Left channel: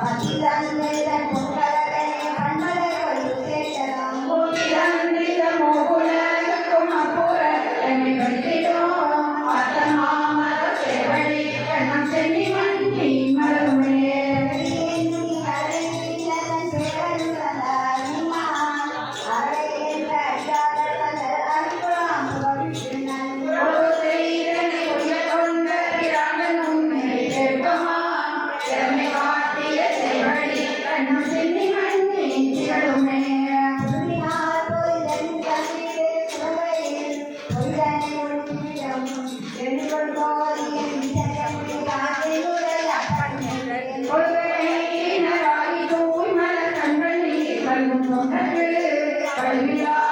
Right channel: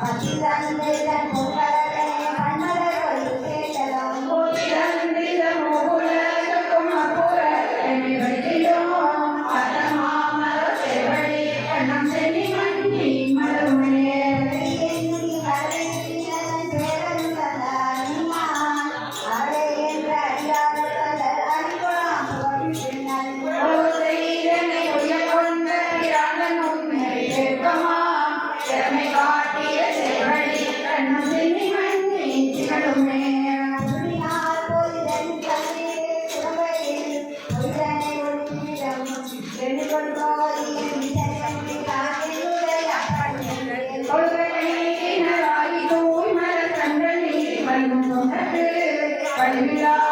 Akilani Hallelujah.